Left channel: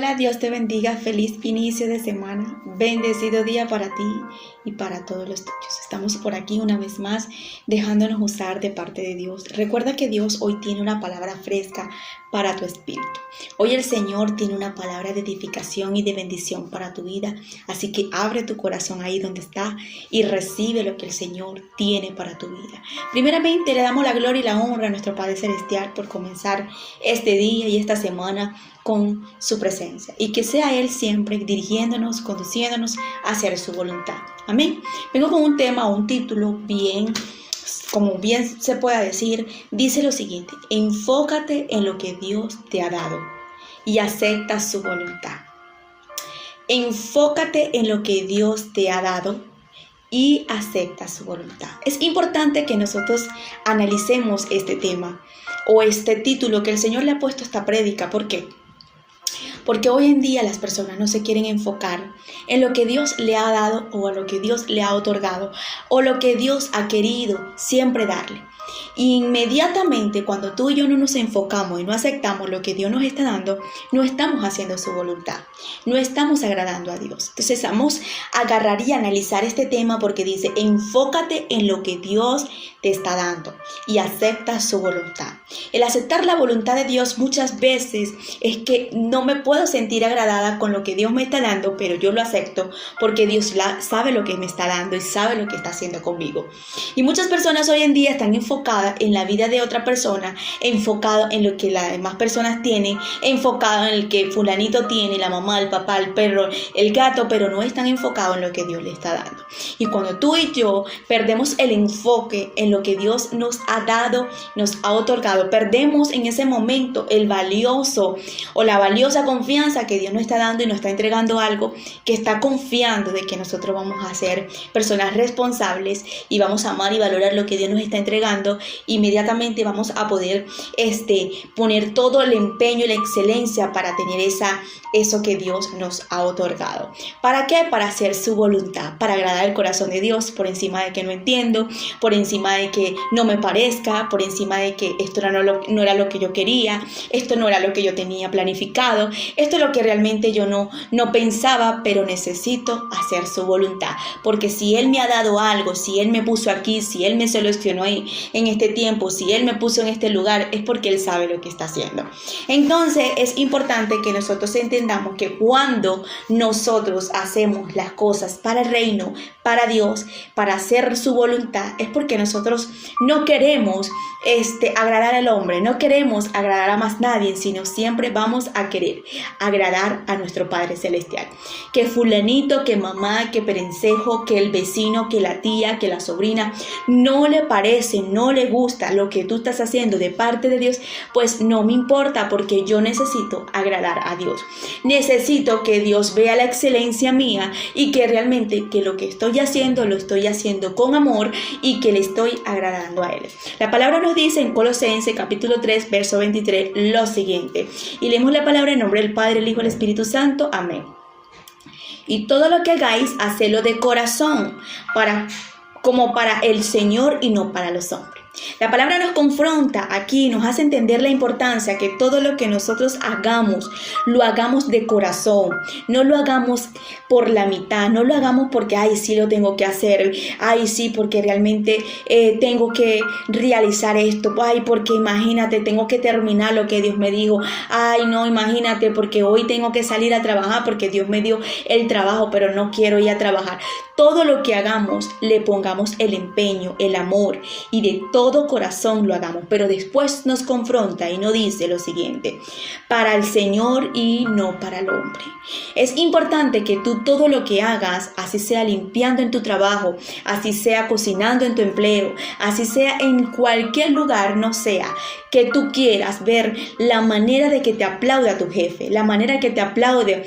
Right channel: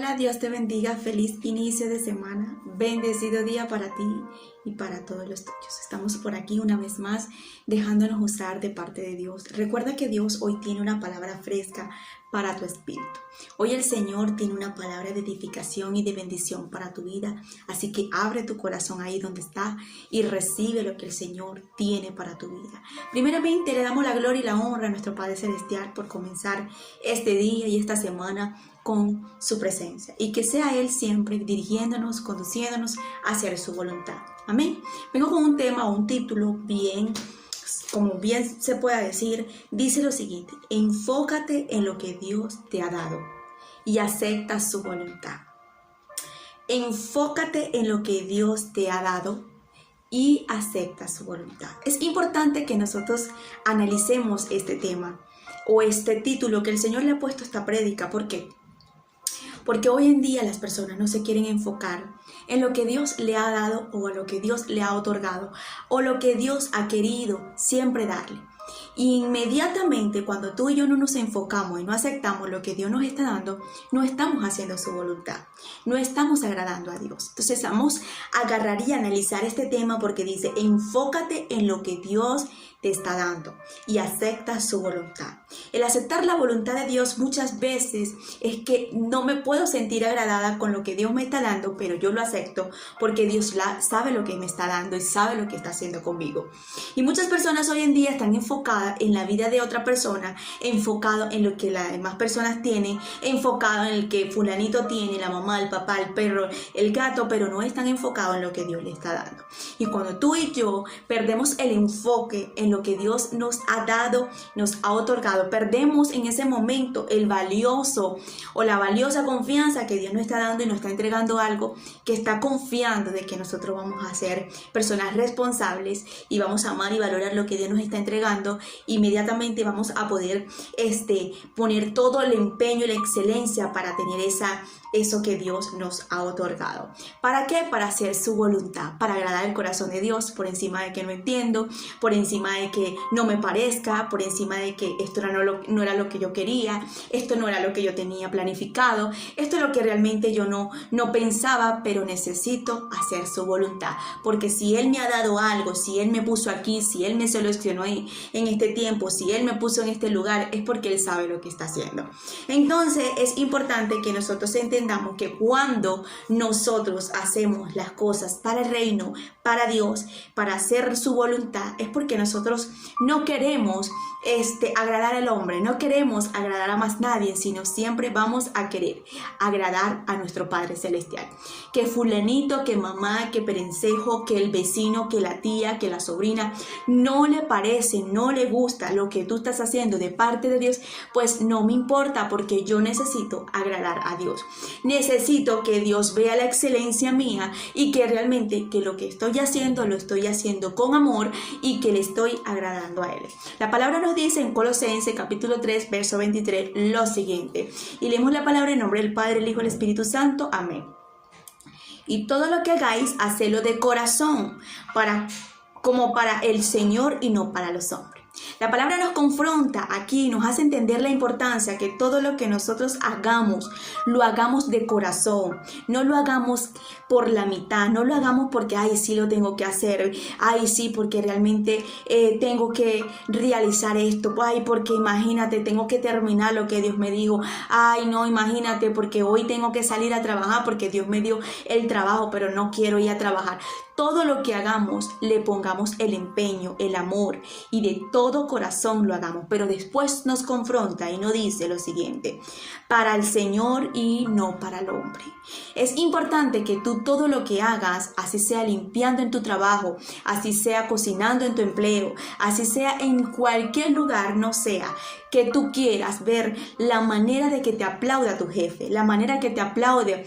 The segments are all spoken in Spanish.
Hola, Dios te bendiga, feliz inicio de semana, bendecido día para ti y para todos los tuyos. Estamos por aquí una vez más dejándonos usar de parte de Dios. Recuerda que Dios hoy tiene una palabra fresca para tu espíritu. Hoy el Señor tiene una palabra de edificación y de bendición para tu vida, así que abre tu corazón ahí donde está y recibe lo que el Señor tiene para tu vida. Primeramente le damos la gloria y la honra a nuestro Padre Celestial por comenzar este día y esta semana con su presencia, y que sea Él siempre dirigiéndonos, conduciéndonos hacia su voluntad. Amén. Vengo con un tema o un título como bien se pueda decir, dice lo siguiente: enfócate en lo que Dios te ha dado y acepta su voluntad. Enfócate en lo que Dios te ha dado y acepta su voluntad. Es importante que nosotros analicemos este tema o este título que el Señor le ha puesto a esta prédica. ¿Por qué? Porque hoy en día las personas no se quieren enfocar en lo que Dios le ha dado o a lo que Dios le ha otorgado o lo que Dios ha querido siempre darle. Y inmediatamente cuando tú y yo no nos enfocamos y no aceptamos lo que Dios nos está dando, no estamos haciendo su voluntad, no estamos agradando a Dios. Entonces vamos a agarrar y analizar este tema porque dice: enfócate en lo que Dios te está dando y acepta su voluntad. El aceptar la voluntad de Dios muchas veces es que no me puedo sentir agradada con lo que Dios me está dando, pero yo lo acepto porque Dios sabe lo que me está dando y sabe lo que está haciendo conmigo. Y muchas personas hoy en día están enfocadas en la vida de otra persona, enfocado en lo que las demás personas tienen, enfocado en el que fulanito tiene, la mamá, el papá, el perro, el gato, pero no están enfocados en lo que Dios le está dando. Y cuando tú y yo perdemos el enfoque en lo que Dios nos ha dado, nos ha otorgado, perdemos en ese momento el valioso o la valiosa confianza que Dios nos está dando y nos está entregando algo, que está confiando de que nosotros vamos a ser personas responsables y vamos a amar y valorar lo que Dios nos está entregando. Inmediatamente vamos a poder poner todo el empeño y la excelencia para tener eso que Dios nos ha otorgado. ¿Para qué? Para hacer su voluntad, para agradar el corazón de Dios, por encima de que no entiendo, por encima de que no me parezca, por encima de que esto no era lo que yo quería, esto no era lo que yo tenía planificado, esto es lo que realmente yo no pensaba, pero necesito hacer su voluntad. Porque si Él me ha dado algo, si Él me puso aquí, si Él me seleccionó en este tiempo, si Él me puso en este lugar, es porque Él sabe lo que está haciendo. Entonces es importante que nosotros entendamos que cuando nosotros hacemos las cosas para el reino, para Dios, para hacer su voluntad, es porque nosotros no queremos agradar al hombre, no queremos agradar a más nadie, sino siempre vamos a querer agradar a nuestro Padre Celestial. Que fulanito, que mamá, que perencejo, que el vecino, que la tía, que la sobrina no le parece, no le gusta lo que tú estás haciendo de parte de Dios, pues no me importa, porque yo necesito agradar a Dios. Necesito que Dios vea la excelencia mía y que realmente que lo que estoy haciendo lo estoy haciendo con amor y que le estoy agradando a Él. La palabra nos dice en Colosenses capítulo 3 verso 23 lo siguiente, y leemos la palabra en nombre del Padre, el Hijo y el Espíritu Santo. Amén. Y todo lo que hagáis, hacedlo de corazón, como para el Señor y no para los hombres. La palabra nos confronta aquí, nos hace entender la importancia que todo lo que nosotros hagamos, lo hagamos de corazón, no lo hagamos por la mitad, no lo hagamos porque, ay, sí lo tengo que hacer, ay, sí, porque realmente tengo que realizar esto, ay, porque imagínate, tengo que terminar lo que Dios me dijo, ay, no, imagínate, porque hoy tengo que salir a trabajar porque Dios me dio el trabajo, pero no quiero ir a trabajar. Todo lo que hagamos, le pongamos el empeño, el amor y de todo corazón lo hagamos. Pero después nos confronta y nos dice lo siguiente: para el Señor y no para el hombre. Es importante que tú todo lo que hagas, así sea limpiando en tu trabajo, así sea cocinando en tu empleo, así sea en cualquier lugar, no sea que tú quieras ver la manera de que te aplauda tu jefe, la manera que te aplaude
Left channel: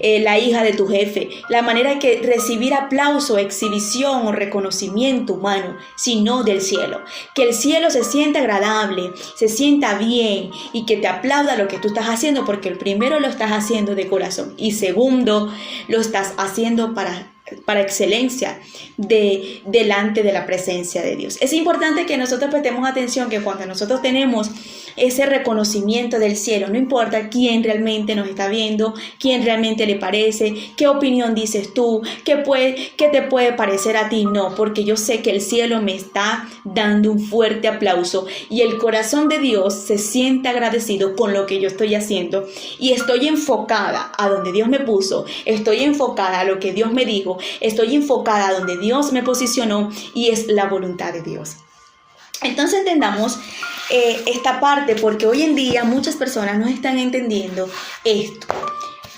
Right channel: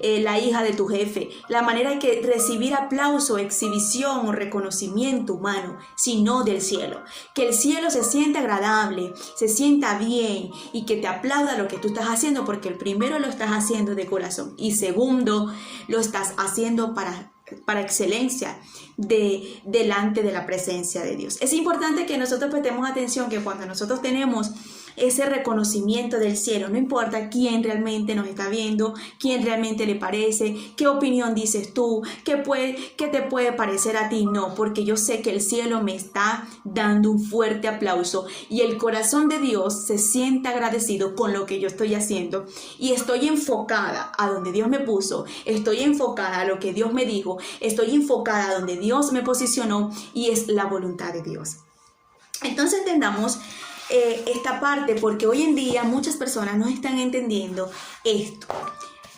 la hija de tu jefe, la manera que recibir aplauso, exhibición o reconocimiento humano, sino del cielo. Que el cielo se sienta agradable, se sienta bien y que te aplauda lo que tú estás haciendo, porque el primero lo estás haciendo de corazón y segundo lo estás haciendo para excelencia delante de la presencia de Dios. Es importante que nosotros prestemos atención que cuando nosotros tenemos ese reconocimiento del cielo. No importa quién realmente nos está viendo, quién realmente le parece, qué opinión dices tú, qué te puede parecer a ti. No, porque yo sé que el cielo me está dando un fuerte aplauso y el corazón de Dios se siente agradecido con lo que yo estoy haciendo y estoy enfocada a donde Dios me puso, estoy enfocada a lo que Dios me dijo, estoy enfocada a donde Dios me posicionó y es la voluntad de Dios. Entonces entendamos esta parte, porque hoy en día muchas personas no están entendiendo esto.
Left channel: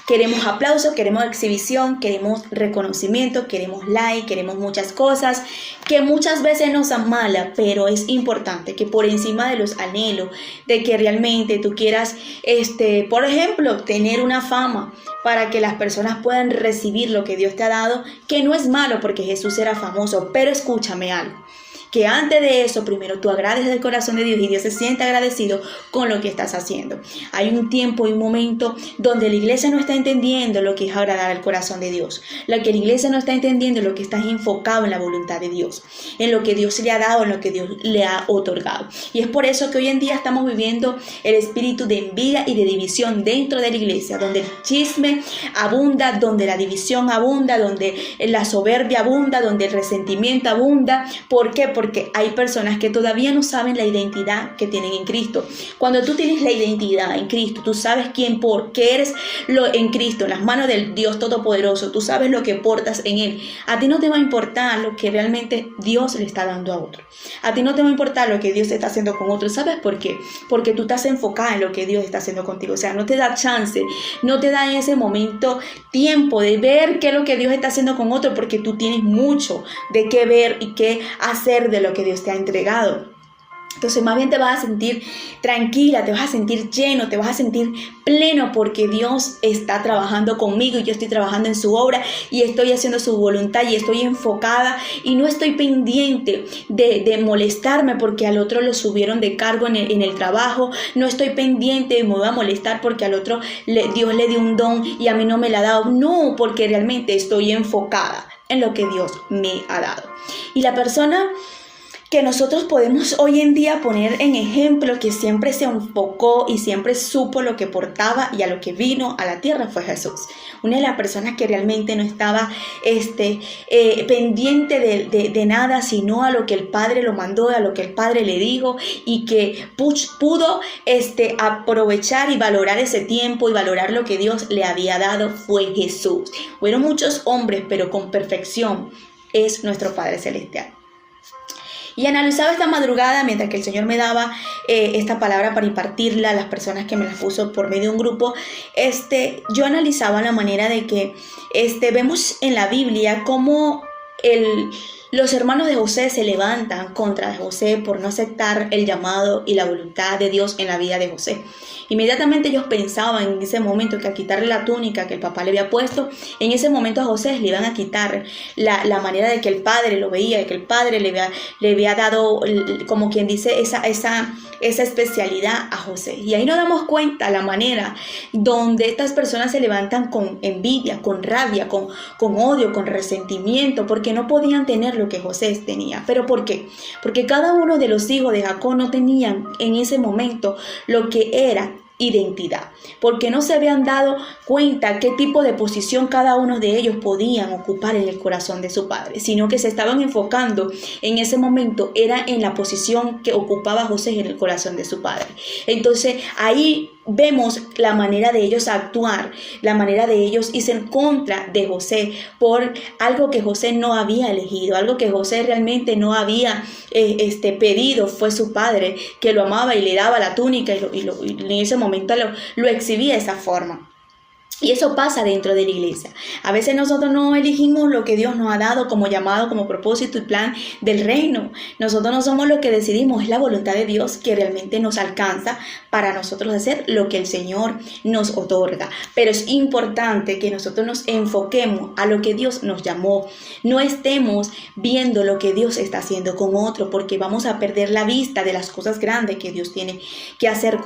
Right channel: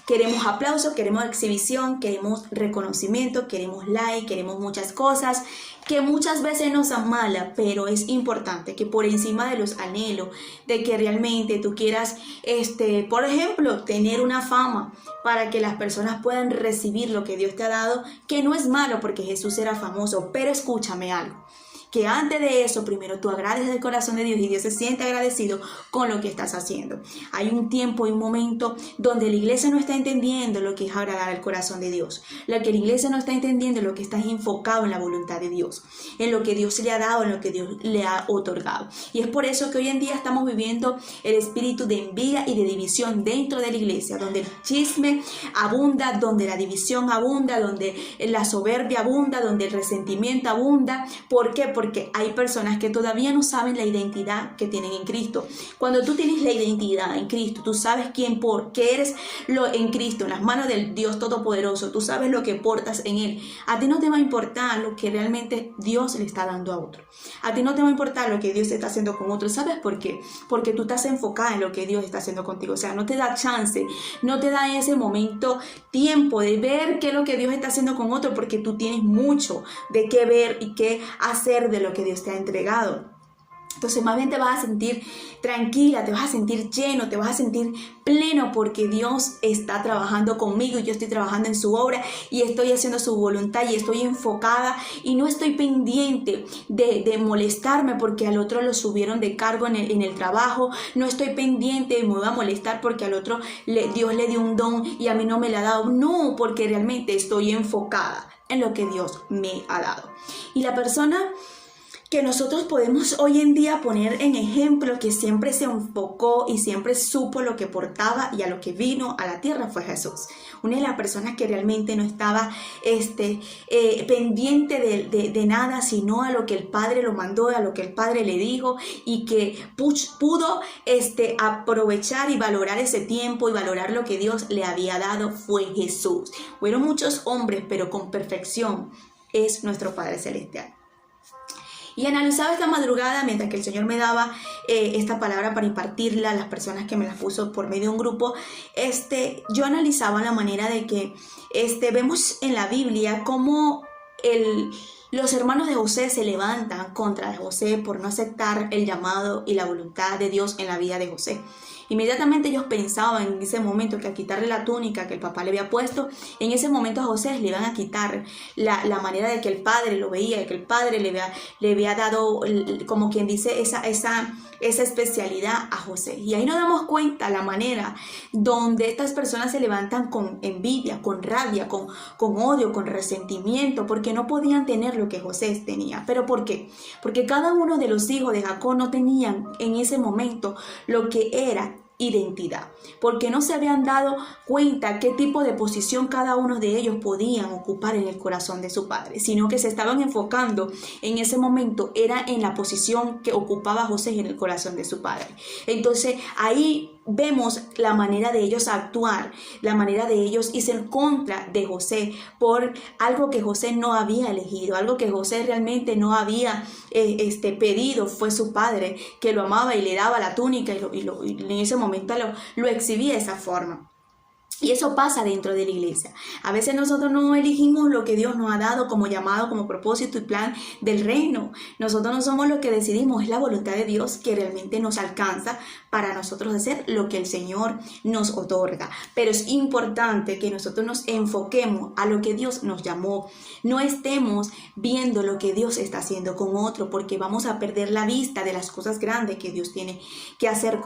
Queremos aplauso, queremos exhibición, queremos reconocimiento, queremos like, queremos muchas cosas que muchas veces nos amala, pero es importante que por encima de los anhelos, de que realmente tú quieras, por ejemplo, tener una fama para que las personas puedan recibir lo que Dios te ha dado, que no es malo porque Jesús era famoso, pero escúchame algo. Que antes de eso, primero tú agrades el corazón de Dios y Dios se siente agradecido con lo que estás haciendo. Hay un tiempo y un momento donde la iglesia no está entendiendo lo que es agradar al corazón de Dios. La iglesia no está entendiendo lo que está enfocado en la voluntad de Dios, en lo que Dios le ha dado, en lo que Dios le ha otorgado. Y es por eso que hoy en día estamos viviendo el espíritu de envidia y de división dentro de la iglesia, donde el chisme abunda, donde la división abunda, donde la soberbia abunda, donde el resentimiento abunda. ¿Por qué? Porque hay personas que todavía no saben la identidad que tienen en Cristo. Cuando tú tienes la identidad en Cristo, tú sabes qué eres en Cristo, en las manos del Dios Todopoderoso, tú sabes lo que portas en Él. A ti no te va a importar lo que realmente Dios le está dando a otro. A ti no te va a importar lo que Dios está haciendo con otro. ¿Sabes por qué? Porque tú estás enfocada en lo que Dios está haciendo contigo. O sea, no te da chance, no te da en ese momento tiempo de ver qué es lo que Dios está haciendo con otro, porque tú tienes mucho de qué ver y qué hacer de lo que Dios te ha entregado. Entonces más bien te vas a sentir tranquila, te vas a sentir lleno, te vas a sentir pleno, porque Dios está trabajando conmigo y yo estoy trabajando en su obra y estoy haciendo su voluntad y estoy enfocada y no estoy pendiente de molestarme porque al otro lo subieron de cargo en el trabajo. No estoy pendiente de me voy a molestar porque al otro Dios le dio un don y a mí no me lo ha dado. No, porque realmente estoy enfocada en lo que Dios me ha dado. Y la persona que nosotros podemos hoy en día poner en ejemplo, que siempre se enfocó y siempre supo lo que portaba y a lo que vino a la tierra, fue Jesús. Una de las personas que realmente no estaba pendiente de nada, sino a lo que el Padre lo mandó, a lo que el Padre le dijo, y que pudo aprovechar y valorar ese tiempo y valorar lo que Dios le había dado, fue Jesús. Fueron muchos hombres, pero con perfección es nuestro Padre Celestial. Y analizaba esta madrugada, mientras que el Señor me daba esta palabra para impartirla a las personas que me las puso por medio de un grupo, yo analizaba la manera de que vemos en la Biblia cómo los hermanos de José se levantan contra José por no aceptar el llamado y la voluntad de Dios en la vida de José. Inmediatamente ellos pensaban en ese momento que al quitarle la túnica que el papá le había puesto, en ese momento a José le iban a quitar la manera de que el padre lo veía, de que el padre le había dado, como quien dice, esa especialidad a José. Y ahí nos damos cuenta la manera donde estas personas se levantan con envidia, con rabia, con odio, con resentimiento, porque no podían tener lo que José tenía. ¿Pero por qué? Porque cada uno de los hijos de Jacob no tenían en ese momento lo que era identidad, porque no se habían dado cuenta qué tipo de posición cada uno de ellos podían ocupar en el corazón de su padre, sino que se estaban enfocando en ese momento era en la posición que ocupaba José en el corazón de su padre. Entonces ahí vemos la manera de ellos actuar, la manera de ellos irse en contra de José por algo que José no había elegido, algo que José realmente no había pedido. Fue su padre que lo amaba y le daba la túnica y en ese momento lo exhibía de esa forma. Y eso pasa dentro de la iglesia. A veces nosotros no elegimos lo que Dios nos ha dado como llamado, como propósito y plan del reino. Nosotros no somos los que decidimos, es la voluntad de Dios que realmente nos alcanza para nosotros hacer lo que el Señor nos otorga. Pero es importante que nosotros nos enfoquemos a lo que Dios nos llamó. No estemos viendo lo que Dios está haciendo con otro, porque vamos a perder la vista de las cosas grandes que Dios tiene que hacer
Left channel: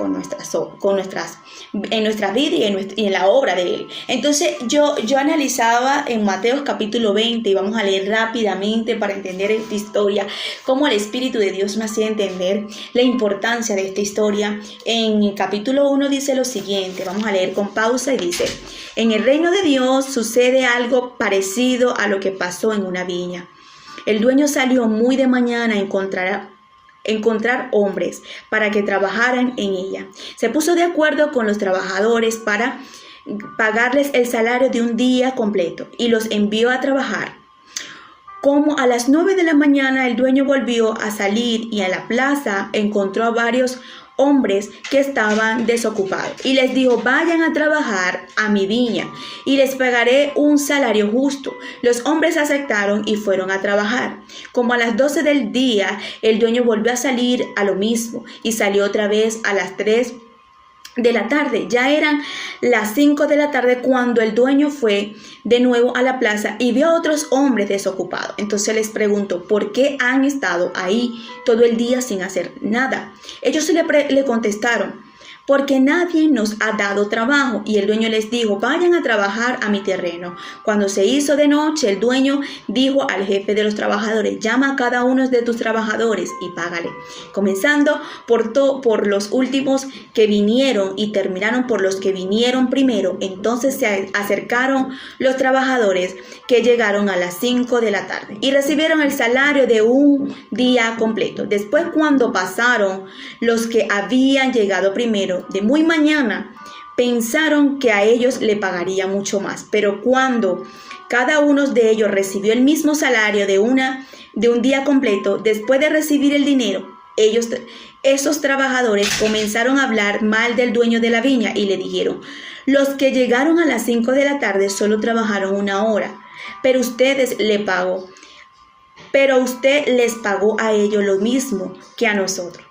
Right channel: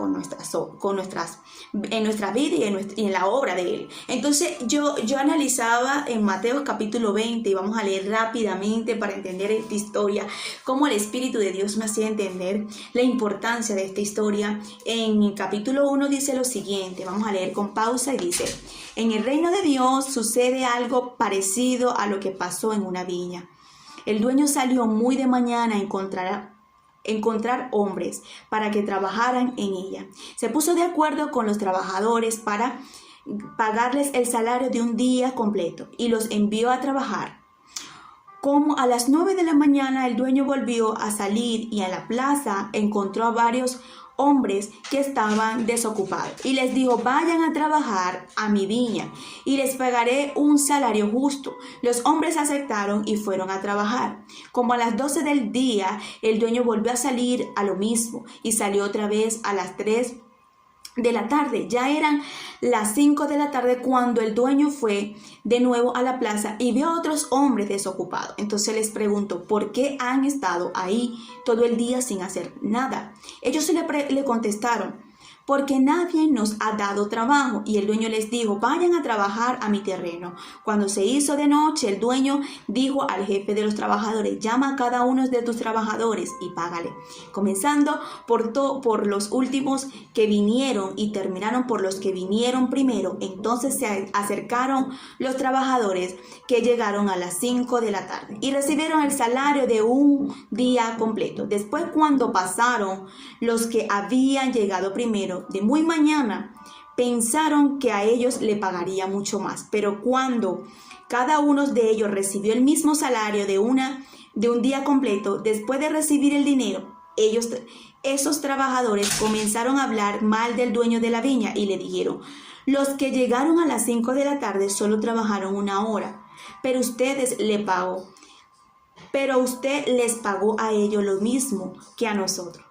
en nuestra vida y en la obra de él. Entonces yo analizaba en Mateo capítulo 20, y vamos a leer rápidamente para entender esta historia, cómo el Espíritu de Dios me hacía entender la importancia de esta historia. En el capítulo 1 dice lo siguiente, vamos a leer con pausa, y dice: en el reino de Dios sucede algo parecido a lo que pasó en una viña. El dueño salió muy de mañana a encontrar hombres para que trabajaran en ella. Se puso de acuerdo con los trabajadores para pagarles el salario de un día completo y los envió a trabajar. Como a las 9 de la mañana el dueño volvió a salir y en la plaza encontró a varios hombres que estaban desocupados y les dijo: vayan a trabajar a mi viña y les pagaré un salario justo. Los hombres aceptaron y fueron a trabajar. Como a las 12 del día el dueño volvió a salir a lo mismo y salió otra vez a las 3 de la tarde. Ya eran las 5 de la tarde cuando el dueño fue de nuevo a la plaza y vio a otros hombres desocupados. Entonces les preguntó: ¿por qué han estado ahí todo el día sin hacer nada? Ellos le contestaron: porque nadie nos ha dado trabajo. Y el dueño les dijo: vayan a trabajar a mi terreno. Cuando se hizo de noche, el dueño dijo al jefe de los trabajadores: llama a cada uno de tus trabajadores y págale, comenzando por los últimos que vinieron y terminaron por los que vinieron primero. Entonces se acercaron los trabajadores que llegaron a las 5 de la tarde y recibieron el salario de un día completo. Después, cuando pasaron los que habían llegado primero, de muy mañana, pensaron que a ellos le pagaría mucho más, pero cuando cada uno de ellos recibió el mismo salario de un día completo, después de recibir el dinero, esos trabajadores comenzaron a hablar mal del dueño de la viña y le dijeron: los que llegaron a las 5 de la tarde solo trabajaron 1 hora, pero usted les pagó a ellos lo mismo que a nosotros,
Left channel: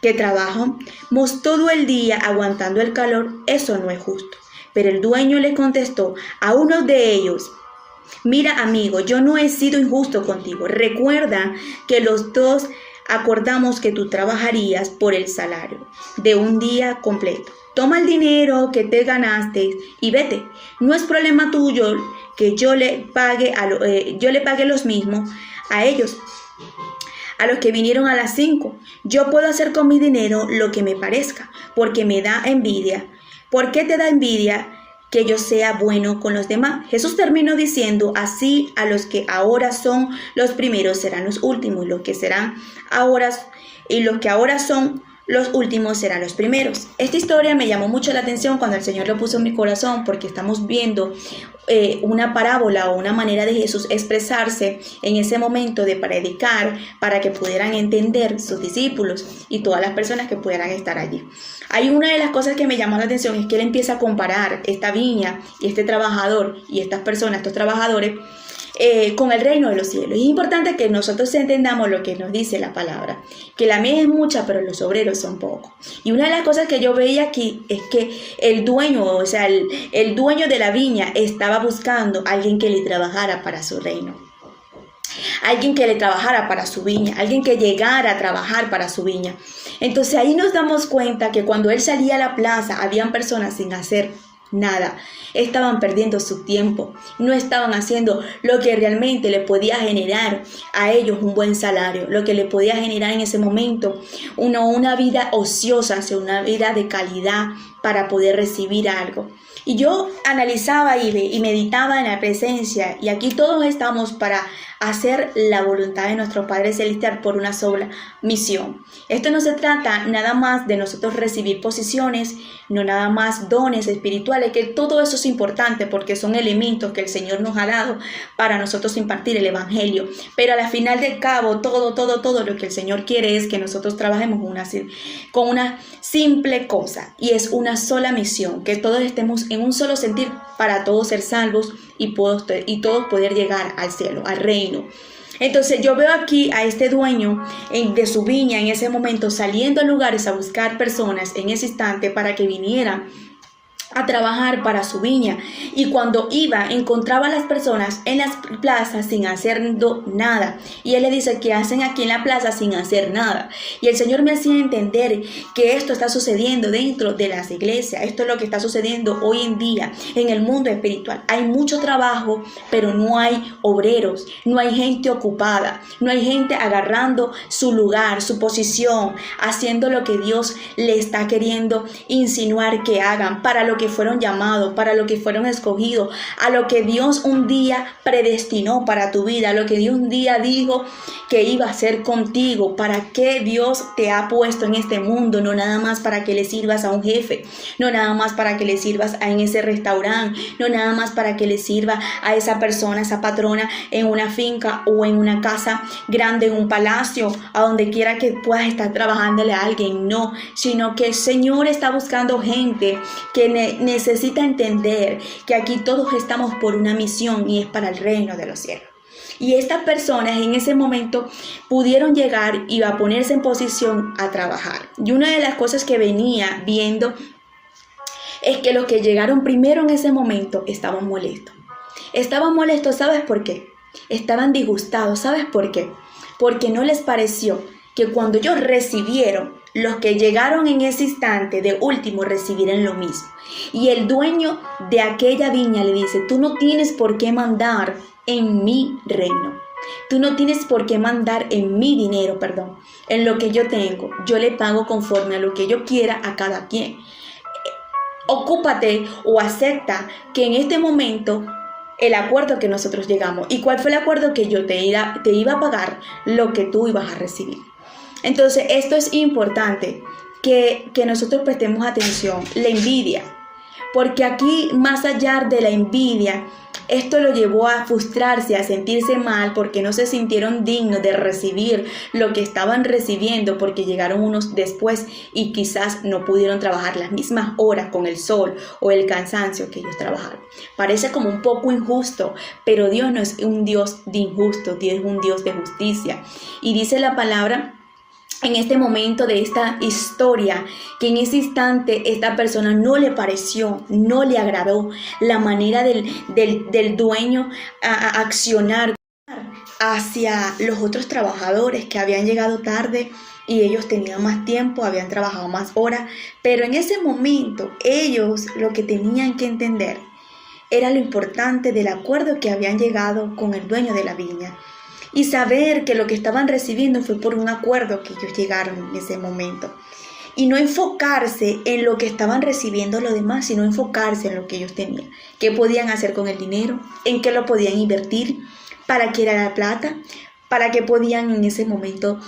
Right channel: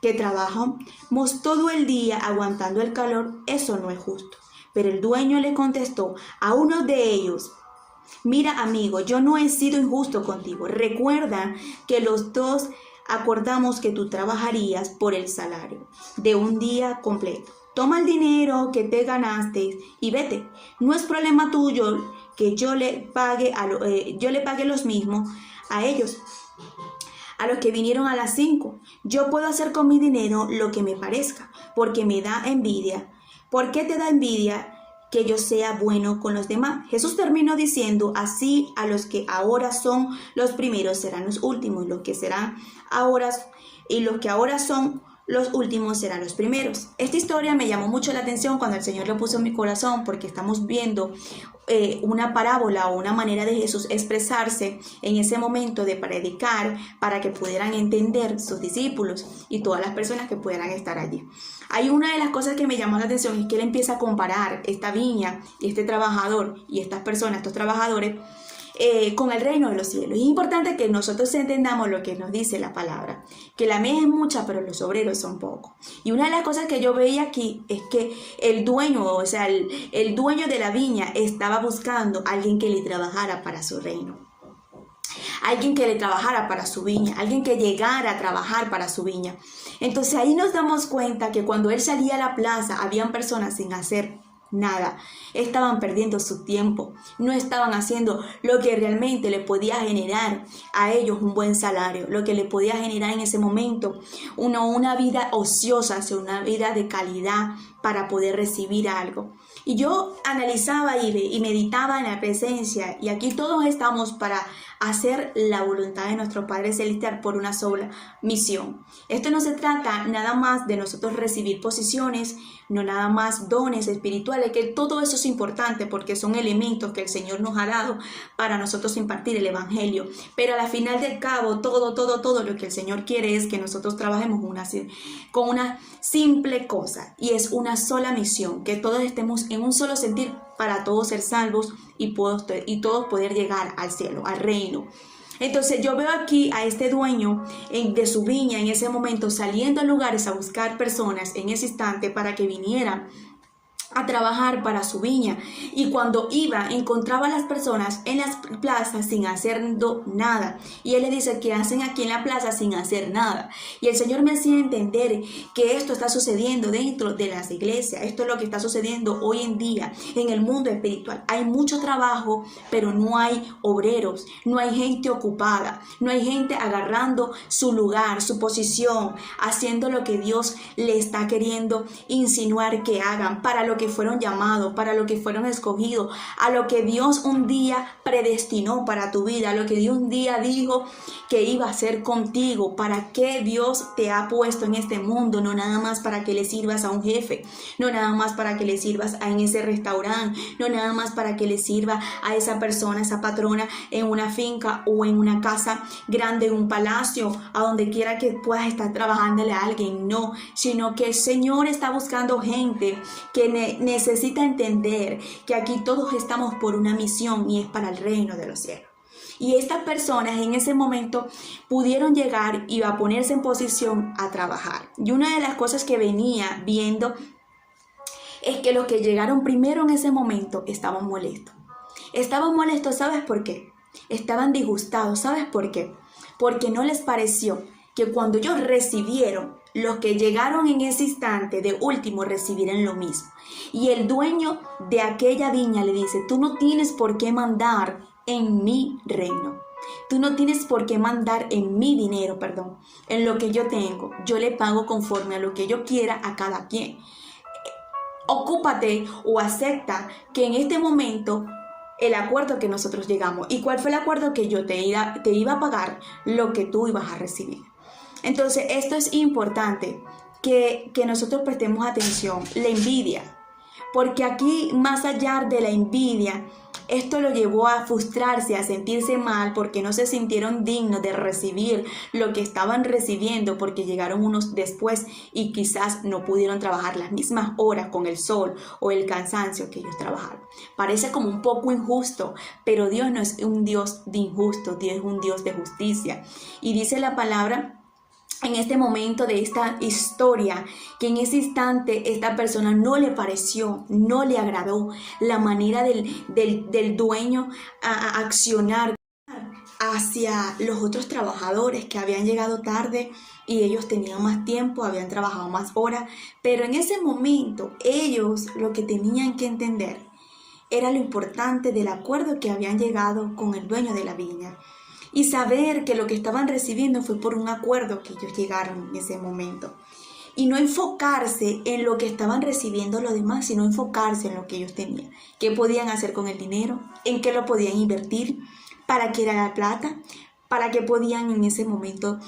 que trabajamos todo el día aguantando el calor. Eso no es justo. Pero el dueño le contestó a uno de ellos: mira, amigo, yo no he sido injusto contigo. Recuerda que los dos acordamos que tú trabajarías por el salario de un día completo. Toma el dinero que te ganaste y vete. No es problema tuyo que yo le pague los mismos a ellos, a los que vinieron a las 5. Yo puedo hacer con mi dinero lo que me parezca, porque me da envidia. ¿Por qué te da envidia que yo sea bueno con los demás? Jesús terminó diciendo: así a los que ahora son los primeros serán los últimos, y los que ahora son los últimos serán los primeros. Esta historia me llamó mucho la atención cuando el Señor lo puso en mi corazón, porque estamos viendo una parábola o una manera de Jesús expresarse en ese momento de predicar, para que pudieran entender sus discípulos y todas las personas que pudieran estar allí. Hay una de las cosas que me llamó la atención, es que él empieza a comparar esta viña y este trabajador y estas personas, estos trabajadores, con el reino de los cielos. Es importante que nosotros entendamos lo que nos dice la palabra, que la mies es mucha, pero los obreros son pocos. Y una de las cosas que yo veía aquí es que el dueño, o sea, el dueño de la viña estaba buscando a alguien que le trabajara para su reino, alguien que le trabajara para su viña, alguien que llegara a trabajar para su viña. Entonces ahí nos damos cuenta que cuando él salía a la plaza, habían personas sin hacer nada, estaban perdiendo su tiempo, no estaban haciendo lo que realmente le podía generar a ellos un buen salario, lo que le podía generar en ese momento una vida ociosa, o sea, una vida de calidad para poder recibir algo. Y yo analizaba y meditaba en la presencia, y aquí todos estamos para hacer la voluntad de nuestro Padre Celestial por una sola misión. Esto no se trata nada más de nosotros recibir posiciones, no nada más dones espirituales, que todo eso es importante porque son elementos que el Señor nos ha dado para nosotros impartir el Evangelio. Pero al final del cabo, todo lo que el Señor quiere es que nosotros trabajemos con una simple cosa, y es una sola misión, que todos estemos en un solo sentir para todos ser salvos y todos poder llegar al cielo, al reino. Entonces yo veo aquí a este dueño de su viña en ese momento saliendo a lugares a buscar personas en ese instante para que vinieran a trabajar para su viña, y cuando iba encontraba a las personas en las plazas sin hacer nada, y él le dice: ¿qué hacen aquí en la plaza sin hacer nada? Y el Señor me hacía entender que esto está sucediendo dentro de las iglesias. Esto es lo que está sucediendo hoy en día en el mundo espiritual. Hay mucho trabajo, pero no hay obreros, no hay gente ocupada, no hay gente agarrando su lugar, su posición, haciendo lo que Dios le está queriendo insinuar que hagan, para lo que fueron llamados, para lo que fueron escogidos, a lo que Dios un día predestinó para tu vida, a lo que Dios un día dijo que iba a hacer contigo. Para qué Dios te ha puesto en este mundo, no nada más para que le sirvas a un jefe, no nada más para que le sirvas en ese restaurante, no nada más para que le sirva a esa persona, esa patrona en una finca o en una casa grande, en un palacio, a donde quiera que puedas estar trabajándole a alguien. No, sino que el Señor está buscando gente que necesita entender que aquí todos estamos por una misión, y es para el reino de los cielos. Y estas personas en ese momento pudieron llegar y a ponerse en posición a trabajar. Y una de las cosas que venía viendo es que los que llegaron primero en ese momento estaban molestos. Estaban molestos, ¿sabes por qué? Estaban disgustados, ¿sabes por qué? Porque no les pareció que cuando ellos recibieron, los que llegaron en ese instante de último recibieran lo mismo. Y el dueño de aquella viña le dice: tú no tienes por qué mandar en mi reino. Tú no tienes por qué mandar en mi dinero, en lo que yo tengo. Yo le pago conforme a lo que yo quiera a cada quien. Ocúpate o acepta que en este momento el acuerdo que nosotros llegamos. ¿Y cuál fue el acuerdo? Que yo te iba a pagar lo que tú ibas a recibir. Entonces, esto es importante que nosotros prestemos atención. La envidia. Porque aquí, más allá de la envidia, esto lo llevó a frustrarse, a sentirse mal, porque no se sintieron dignos de recibir lo que estaban recibiendo, porque llegaron unos después y quizás no pudieron trabajar las mismas horas con el sol o el cansancio que ellos trabajaron. Parece como un poco injusto, pero Dios no es un Dios de injusto, Dios es un Dios de justicia. Y dice la palabra en este momento de esta historia, que en ese instante esta persona no le pareció, no le agradó la manera del dueño a accionar hacia los otros trabajadores que habían llegado tarde y ellos tenían más tiempo, habían trabajado más horas, pero en ese momento ellos lo que tenían que entender era lo importante del acuerdo que habían llegado con el dueño de la viña. Y saber que lo que estaban recibiendo fue por un acuerdo que ellos llegaron en ese momento. Y no enfocarse en lo que estaban recibiendo los demás, sino enfocarse en lo que ellos tenían. ¿Qué podían hacer con el dinero? ¿En qué lo podían invertir? ¿Para qué era la plata? ¿Para qué podían en ese momento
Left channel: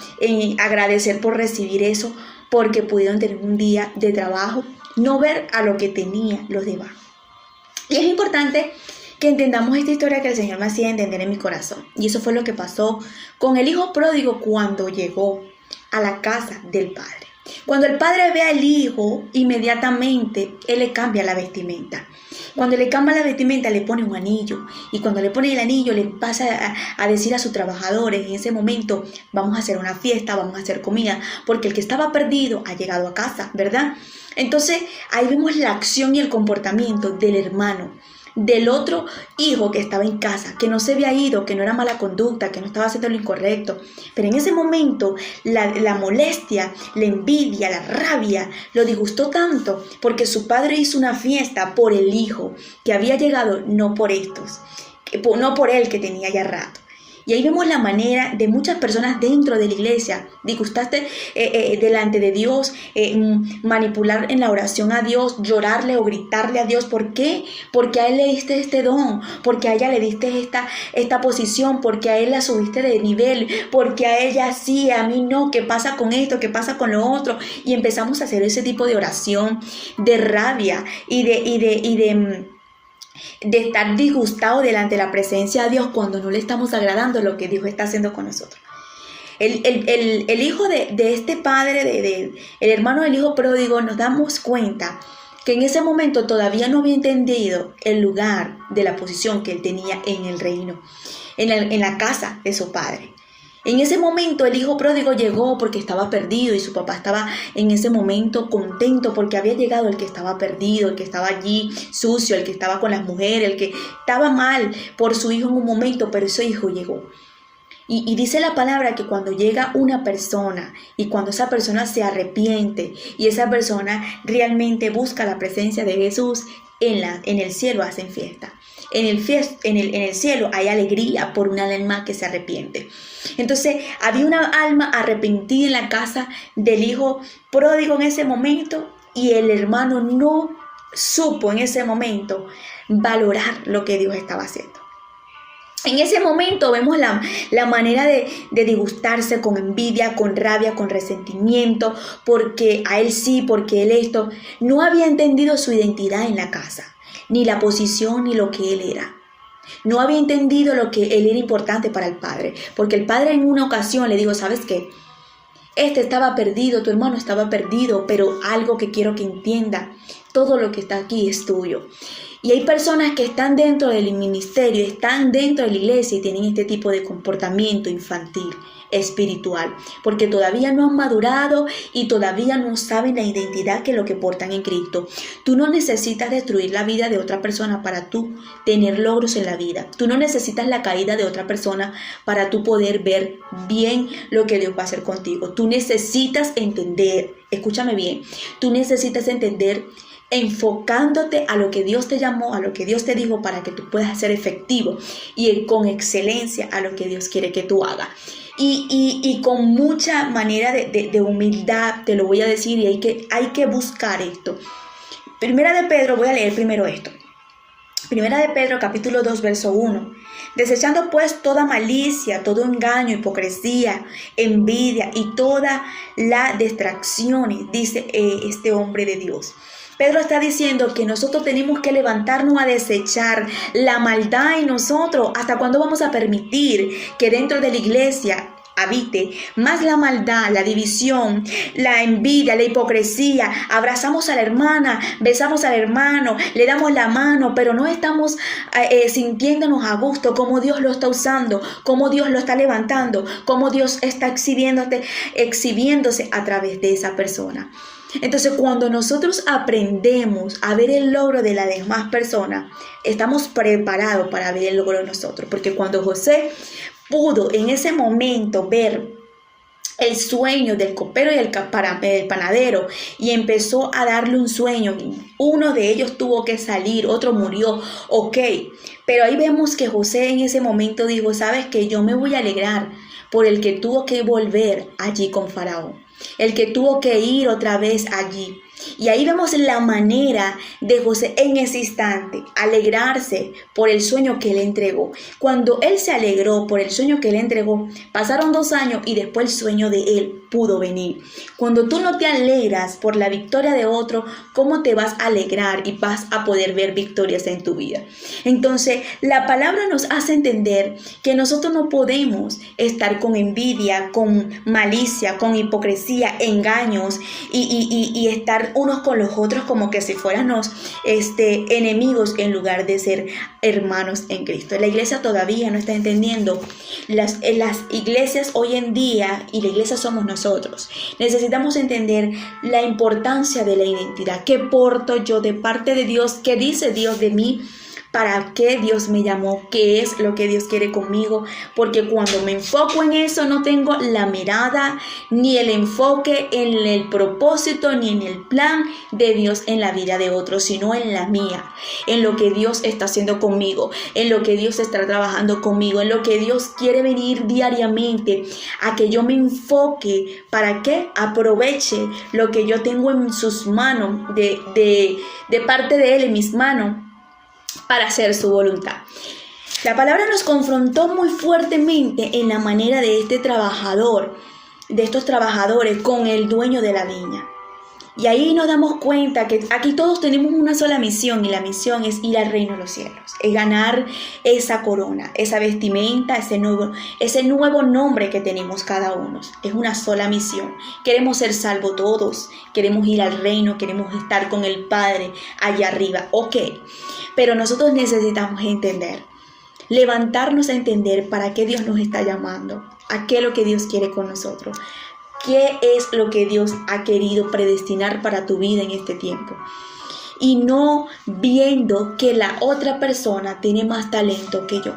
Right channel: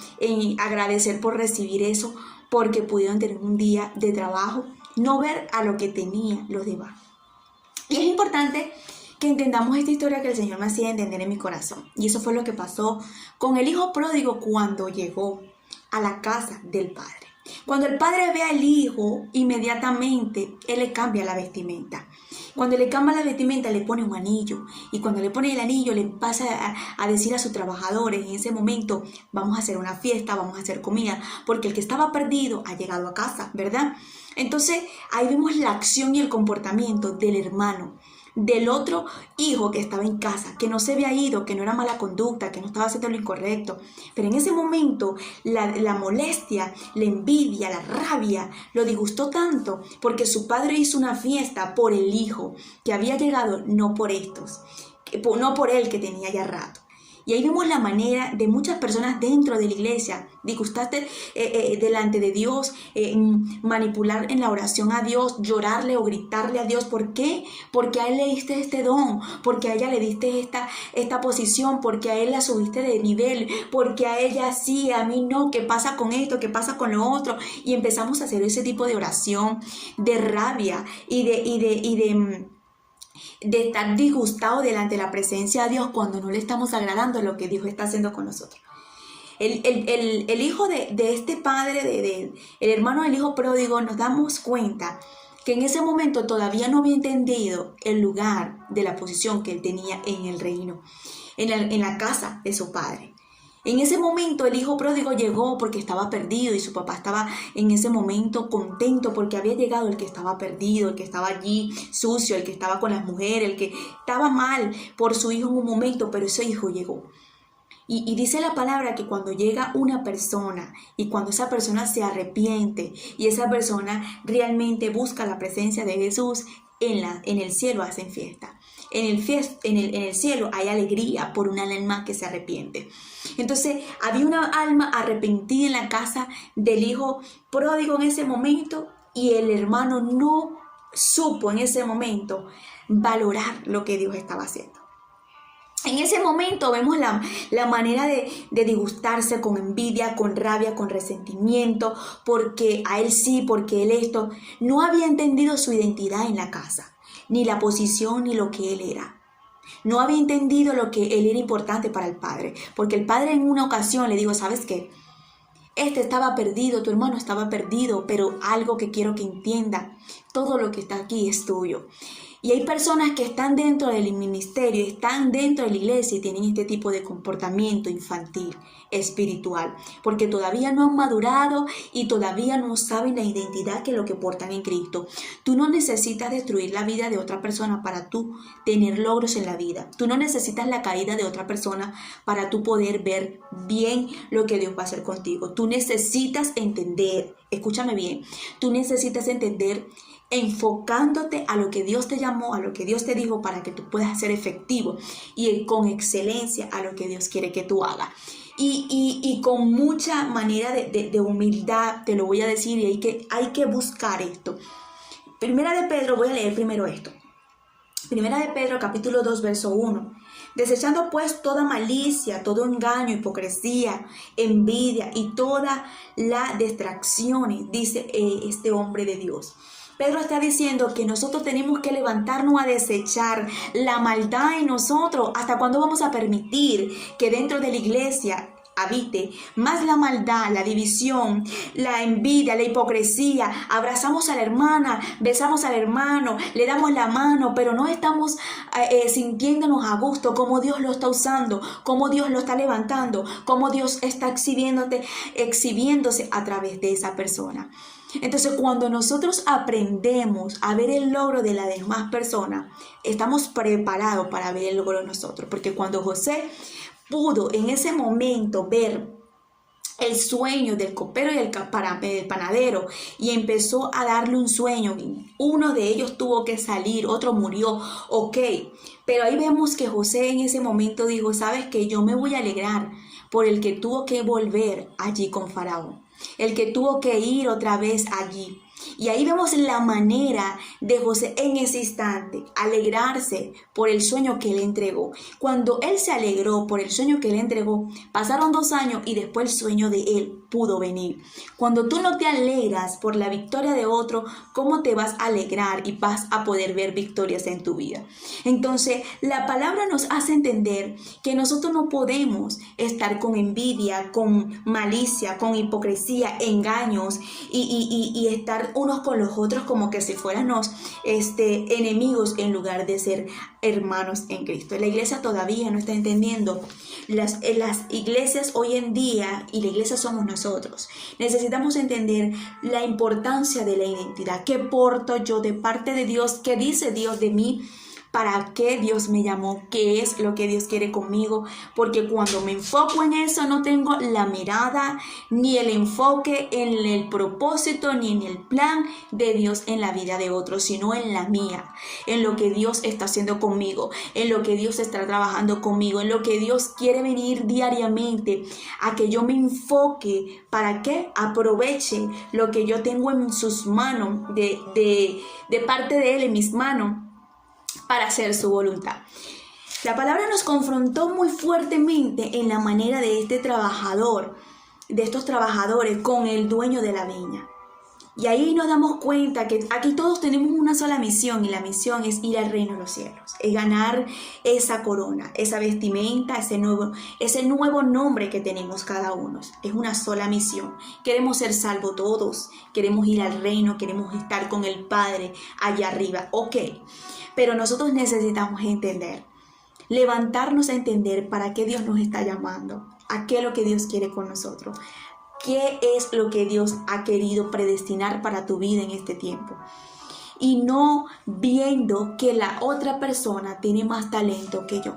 agradecer por recibir eso? Porque pudieron tener un día de trabajo. No ver a lo que tenían los demás. Y es importante que entendamos esta historia que el Señor me hacía entender en mi corazón. Y eso fue lo que pasó con el hijo pródigo cuando llegó a la casa del padre. Cuando el padre ve al hijo, inmediatamente él le cambia la vestimenta. Cuando le cambia la vestimenta, le pone un anillo. Y cuando le pone el anillo, le pasa a decir a sus trabajadores: en ese momento vamos a hacer una fiesta, vamos a hacer comida, porque el que estaba perdido ha llegado a casa, ¿verdad? Entonces ahí vemos la acción y el comportamiento del hermano, del otro hijo que estaba en casa, que no se había ido, que no era mala conducta, que no estaba haciendo lo incorrecto. Pero en ese momento la molestia, la envidia, la rabia lo disgustó tanto, porque su padre hizo una fiesta por el hijo que había llegado, no por estos, no por él que tenía ya rato. Y ahí vemos la manera de muchas personas dentro de la iglesia disgustarse delante de Dios, manipular en la oración a Dios, llorarle o gritarle a Dios. ¿Por qué? Porque a él le diste este don, porque a ella le diste esta posición, porque a él la subiste de nivel, porque a ella sí, a mí no. ¿Qué pasa con esto? ¿Qué pasa con lo otro? Y empezamos a hacer ese tipo de oración de rabia y de estar disgustado delante de la presencia de Dios cuando no le estamos agradando lo que Dios está haciendo con nosotros. El hijo de este padre, el hermano del hijo pródigo, nos damos cuenta que en ese momento todavía no había entendido el lugar de la posición que él tenía en el reino, en la casa de su padre. En ese momento el hijo pródigo llegó porque estaba perdido y su papá estaba en ese momento contento porque había llegado el que estaba perdido, el que estaba allí sucio, el que estaba con las mujeres, el que estaba mal por su hijo en un momento, pero ese hijo llegó. Y dice la palabra que cuando llega una persona y cuando esa persona se arrepiente y esa persona realmente busca la presencia de Jesús, en el cielo hacen fiesta. En el cielo hay alegría por un alma que se arrepiente. Entonces había una alma arrepentida en la casa del hijo pródigo en ese momento y el hermano no supo en ese momento valorar lo que Dios estaba haciendo. En ese momento vemos la manera de disgustarse con envidia, con rabia, con resentimiento, porque a él sí, porque él esto. No había entendido su identidad en la casa, ni la posición, ni lo que él era. No había entendido lo que él era importante para el padre, porque el padre en una ocasión le dijo, ¿sabes qué? Este estaba perdido, tu hermano estaba perdido, pero algo que quiero que entienda, todo lo que está aquí es tuyo. Y hay personas que están dentro del ministerio, están dentro de la iglesia y tienen este tipo de comportamiento infantil, espiritual, porque todavía no han madurado y todavía no saben la identidad que es lo que portan en Cristo. Tú no necesitas destruir la vida de otra persona para tú tener logros en la vida. Tú no necesitas la caída de otra persona para tú poder ver bien lo que Dios va a hacer contigo. Tú necesitas entender, escúchame bien, tú necesitas entender enfocándote a lo que Dios te llamó, a lo que Dios te dijo para que tú puedas ser efectivo y con excelencia a lo que Dios quiere que tú hagas. Y con mucha manera de humildad te lo voy a decir y hay que buscar esto. Primera de Pedro, voy a leer primero esto. Primera de Pedro, capítulo 2, verso 1. Desechando pues toda malicia, todo engaño, hipocresía, envidia y todas las distracciones, dice este hombre de Dios. Pedro está diciendo que nosotros tenemos que levantarnos a desechar la maldad en nosotros. ¿Hasta cuándo vamos a permitir que dentro de la iglesia habite más la maldad, la división, la envidia, la hipocresía? Abrazamos a la hermana, besamos al hermano, le damos la mano, pero no estamos sintiéndonos a gusto como Dios lo está usando, como Dios lo está levantando, como Dios está exhibiéndose a través de esa persona. Entonces, cuando nosotros aprendemos a ver el logro de las demás personas, estamos preparados para ver el logro de nosotros. Porque cuando José pudo en ese momento ver el sueño del copero y el panadero y empezó a darle un sueño, uno de ellos tuvo que salir, otro murió, ok. Pero ahí vemos que José en ese momento dijo, ¿sabes qué? Yo me voy a alegrar por el que tuvo que volver allí con Faraón, el que tuvo que ir otra vez allí. Y ahí vemos la manera de José en ese instante, alegrarse por el sueño que él entregó. Cuando él se alegró por el sueño que él entregó, pasaron 2 años y después el sueño de él pudo venir. Cuando tú no te alegras por la victoria de otro, ¿cómo te vas a alegrar y vas a poder ver victorias en tu vida? Entonces, la palabra nos hace entender que nosotros no podemos estar con envidia, con malicia, con hipocresía, engaños y estar unos con los otros como que si fuéramos enemigos en lugar de ser hermanos en Cristo. La iglesia todavía no está entendiendo. Las iglesias hoy en día, y la iglesia somos nosotros, necesitamos entender la importancia de la identidad. ¿Qué porto yo de parte de Dios? ¿Qué dice Dios de mí? ¿Para qué Dios me llamó? ¿Qué es lo que Dios quiere conmigo? Porque cuando me enfoco en eso, no tengo la mirada ni el enfoque en el propósito ni en el plan de Dios en la vida de otros, sino en la mía, en lo que Dios está haciendo conmigo, en lo que Dios está trabajando conmigo, en lo que Dios quiere venir diariamente a que yo me enfoque. ¿Para qué? Aproveche lo que yo tengo en sus manos, de parte de Él, en mis manos, para hacer su voluntad. La palabra nos confrontó muy fuertemente en la manera de estos trabajadores con el dueño de la viña. Y ahí nos damos cuenta que aquí todos tenemos una sola misión, y la misión es ir al reino de los cielos, es ganar esa corona, esa vestimenta, ese nuevo nombre que tenemos cada uno. Es una sola misión. Queremos ser salvos todos, queremos ir al reino, queremos estar con el Padre allá arriba, ok. Pero nosotros necesitamos entender, levantarnos a entender para qué Dios nos está llamando a qué es lo que Dios quiere con nosotros. ¿Qué es lo que Dios ha querido predestinar para tu vida en este tiempo? Y no viendo que la otra persona tiene más talento que yo,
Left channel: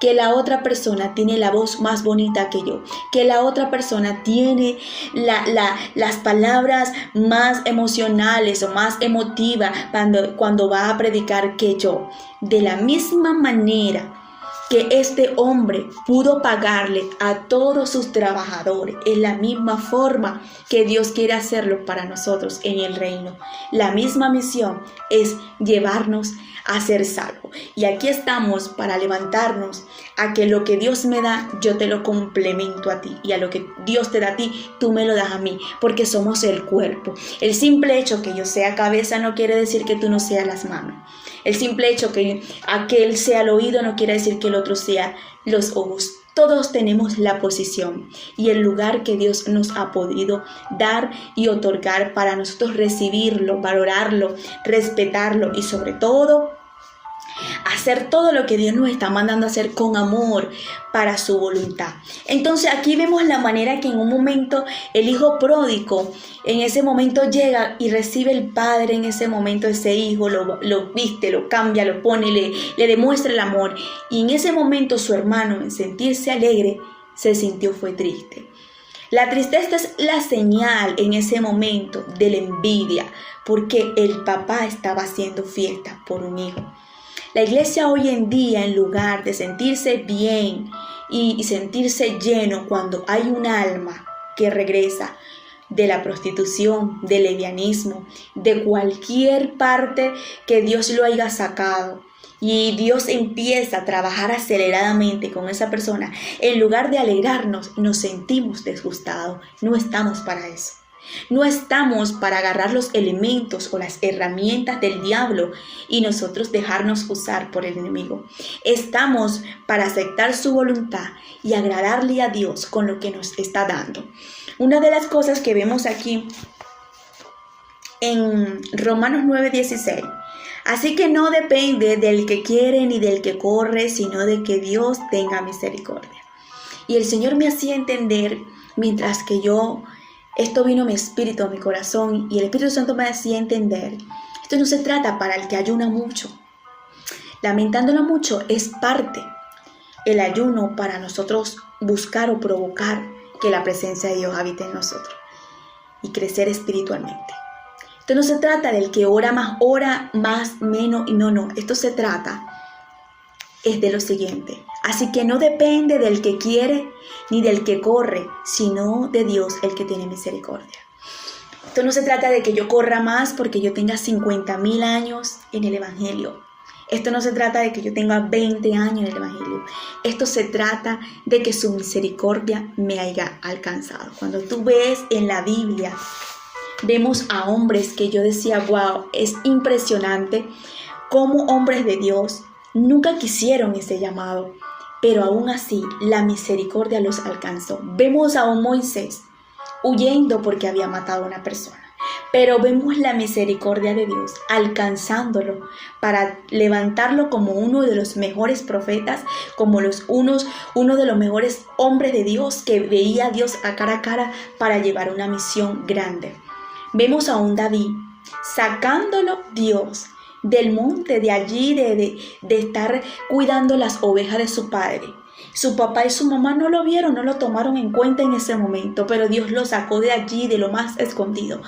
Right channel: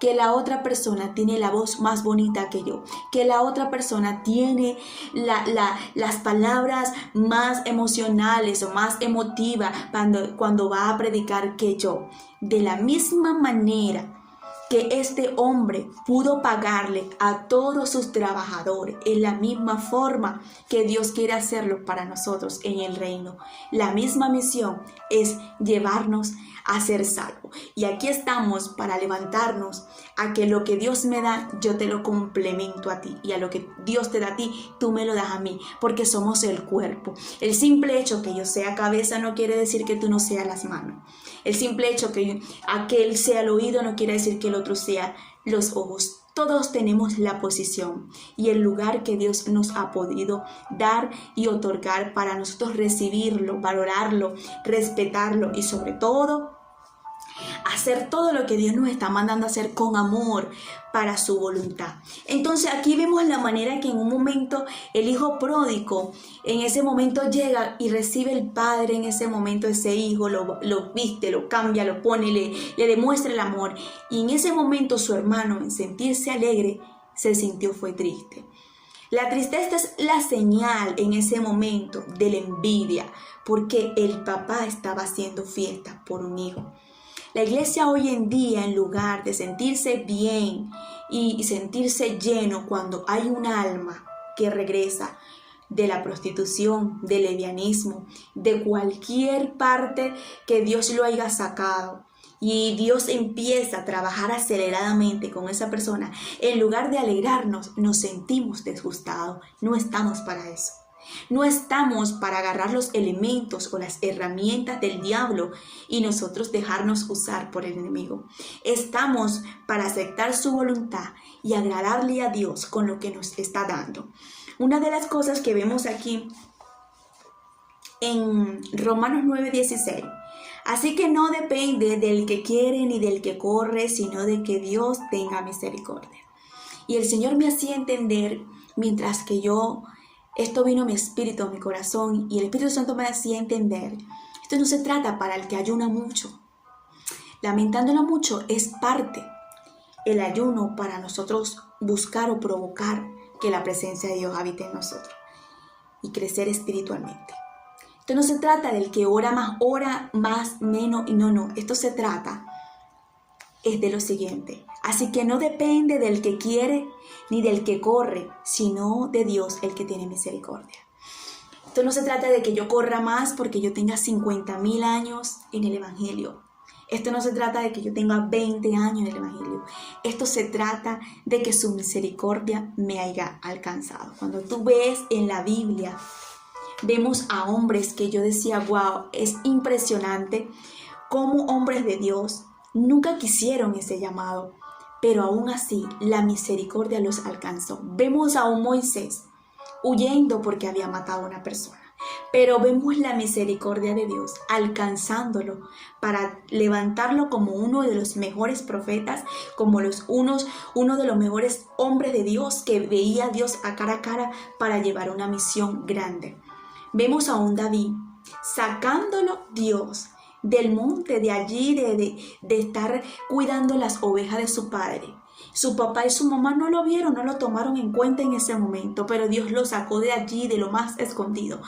que la otra persona tiene la voz más bonita que yo, que la otra persona tiene las palabras más emocionales o más emotivas cuando va a predicar que yo. De la misma manera que este hombre pudo pagarle a todos sus trabajadores, en la misma forma que Dios quiere hacerlo para nosotros en el reino. La misma misión es llevarnos a ser salvos. Y aquí estamos para levantarnos a que lo que Dios me da, yo te lo complemento a ti. Y a lo que Dios te da a ti, tú me lo das a mí, porque somos el cuerpo. El simple hecho que yo sea cabeza no quiere decir que tú no seas las manos. El simple hecho que aquel sea el oído no quiere decir que el otro sea los ojos. Todos tenemos la posición y el lugar que Dios nos ha podido dar y otorgar para nosotros recibirlo, valorarlo, respetarlo y sobre todo hacer todo lo que Dios nos está mandando a hacer con amor para su voluntad. Entonces aquí vemos la manera que en un momento el hijo pródigo en ese momento llega y recibe el padre en ese momento ese hijo, lo viste, lo cambia, lo pone, le demuestra el amor. Y en ese momento su hermano, en sentirse alegre, se sintió fue triste. La tristeza es la señal en ese momento de la envidia, porque el papá estaba haciendo fiesta por un hijo. La iglesia hoy en día, en lugar de sentirse bien y sentirse lleno cuando hay un alma que regresa de la prostitución, del lesbianismo, de cualquier parte que Dios lo haya sacado, y Dios empieza a trabajar aceleradamente con esa persona, en lugar de alegrarnos, nos sentimos disgustados. No estamos para eso. No estamos para agarrar los elementos o las herramientas del diablo y nosotros dejarnos usar por el enemigo. Estamos para aceptar su voluntad y agradarle a Dios con lo que nos está dando. Una de las cosas que vemos aquí en Romanos 9:16. Así que no depende del que quiere ni del que corre, sino de que Dios tenga misericordia. Y el Señor me hacía entender, mientras que esto vino a mi espíritu, a mi corazón, y el Espíritu Santo me hacía entender, esto no se trata para el que ayuna mucho. Lamentándolo mucho es parte el ayuno para nosotros buscar o provocar que la presencia de Dios habite en nosotros y crecer espiritualmente. Esto no se trata del que ora más, menos, y no. Esto se trata es de lo siguiente. Así que no depende del que quiere ni del que corre, sino de Dios el que tiene misericordia. Esto no se trata de que yo corra más porque yo tenga 50,000 años en el Evangelio. Esto no se trata de que yo tenga 20 años en el Evangelio. Esto se trata de que su misericordia me haya alcanzado. Cuando tú ves en la Biblia, vemos a hombres que yo decía, wow, es impresionante cómo hombres de Dios nunca quisieron ese llamado, pero aún así la misericordia los alcanzó. Vemos a un Moisés huyendo porque había matado a una persona, pero vemos la misericordia de Dios alcanzándolo para levantarlo como uno de los mejores profetas, como uno de los mejores hombres de Dios que veía a Dios a cara para llevar una misión grande. Vemos a un David sacándolo Dios del monte, de allí, de estar cuidando las ovejas de su padre. Su papá y su mamá no lo vieron, no lo tomaron en cuenta en ese momento, pero Dios lo sacó de allí, de lo más escondido,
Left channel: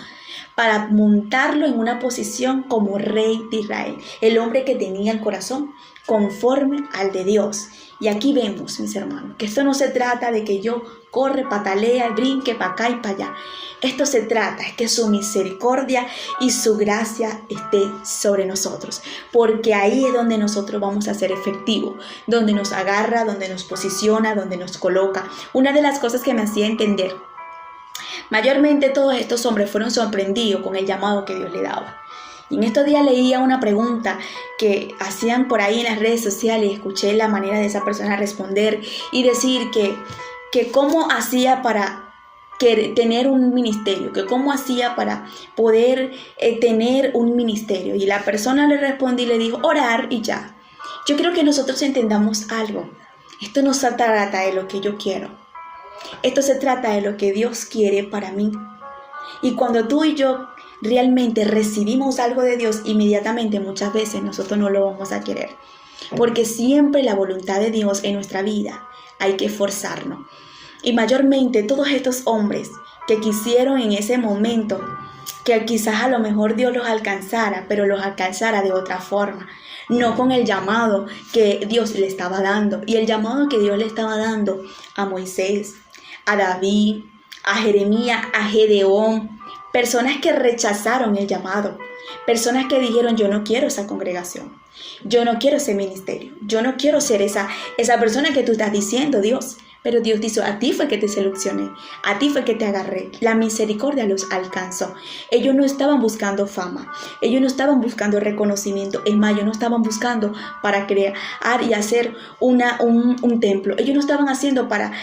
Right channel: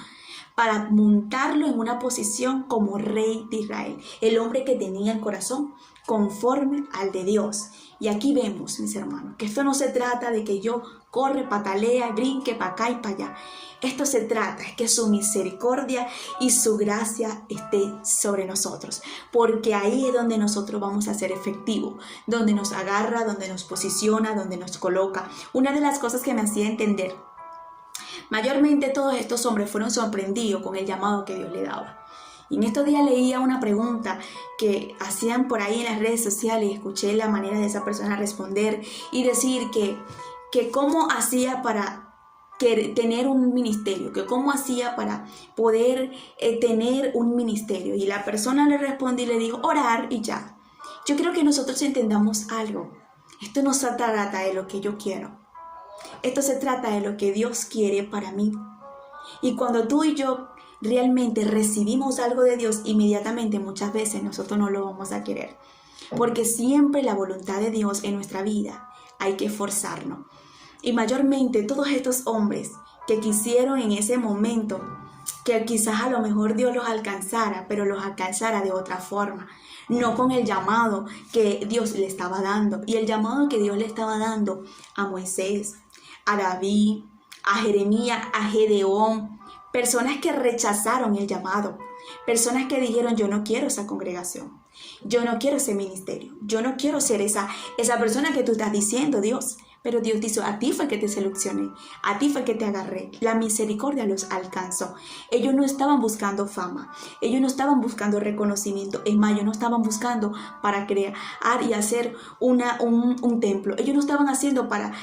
para montarlo en una posición como rey de Israel, el hombre que tenía el corazón conforme al de Dios. Y aquí vemos, mis hermanos, que esto no se trata de que yo corre, patalea, brinque para acá y para allá. Esto se trata es que su misericordia y su gracia esté sobre nosotros, porque ahí es donde nosotros vamos a ser efectivos, donde nos agarra, donde nos posiciona, donde nos coloca. Una de las cosas que me hacía entender, mayormente todos estos hombres fueron sorprendidos con el llamado que Dios le daba. Y en estos días leía una pregunta que hacían por ahí en las redes sociales y escuché la manera de esa persona responder y decir que cómo hacía para tener un ministerio, que cómo hacía para poder tener un ministerio. Y la persona le respondió y le dijo, orar y ya. Yo quiero que nosotros entendamos algo. Esto no se trata de lo que yo quiero. Esto se trata de lo que Dios quiere para mí. Y cuando tú y yo realmente recibimos algo de Dios, inmediatamente muchas veces nosotros no lo vamos a querer. Porque siempre la voluntad de Dios en nuestra vida hay que esforzarnos. Y mayormente todos estos hombres que quisieron en ese momento que quizás a lo mejor Dios los alcanzara, pero los alcanzara de otra forma, no con el llamado que Dios le estaba dando. Y el llamado que Dios le estaba dando a Moisés, a David, a Jeremías, a Gedeón, personas que rechazaron el llamado, personas que dijeron: yo no quiero esa congregación, yo no quiero ese ministerio, yo no quiero ser esa persona que tú estás diciendo, Dios. Pero Dios dijo: a ti fue que te seleccioné, a ti fue que te agarré. La misericordia los alcanzó. Ellos no estaban buscando fama, ellos no estaban buscando reconocimiento. Es más, ellos no estaban buscando para crear y hacer un templo. Ellos no estaban haciendo para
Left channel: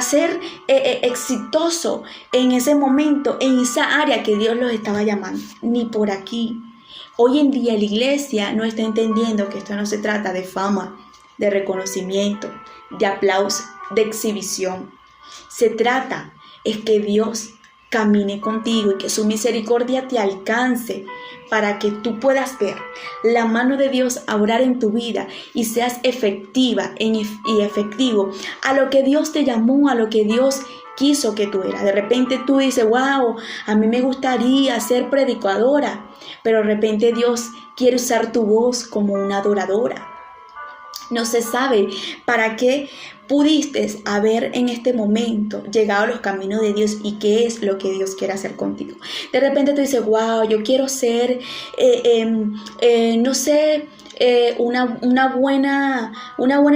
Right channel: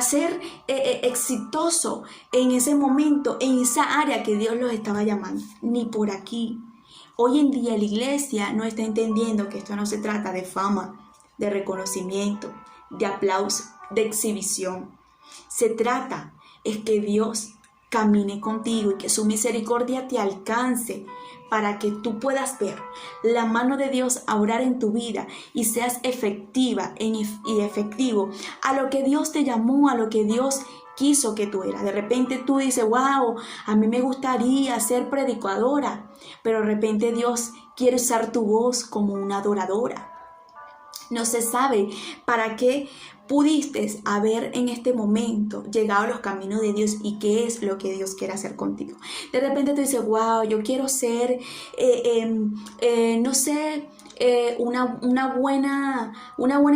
ser exitoso en ese momento, en esa área que Dios los estaba llamando. Ni por aquí. Hoy en día la iglesia no está entendiendo que esto no se trata de fama, de reconocimiento, de aplauso, de exhibición. Se trata es que Dios camine contigo y que su misericordia te alcance para que tú puedas ver la mano de Dios obrar en tu vida y seas efectiva y efectivo a lo que Dios te llamó, a lo que Dios quiso que tú eras. De repente tú dices: wow, a mí me gustaría ser predicadora, pero de repente Dios quiere usar tu voz como una adoradora. No se sabe para qué pudiste haber en este momento llegado a los caminos de Dios y qué es lo que Dios quiere hacer contigo. De repente tú dices: wow, yo quiero ser, una buena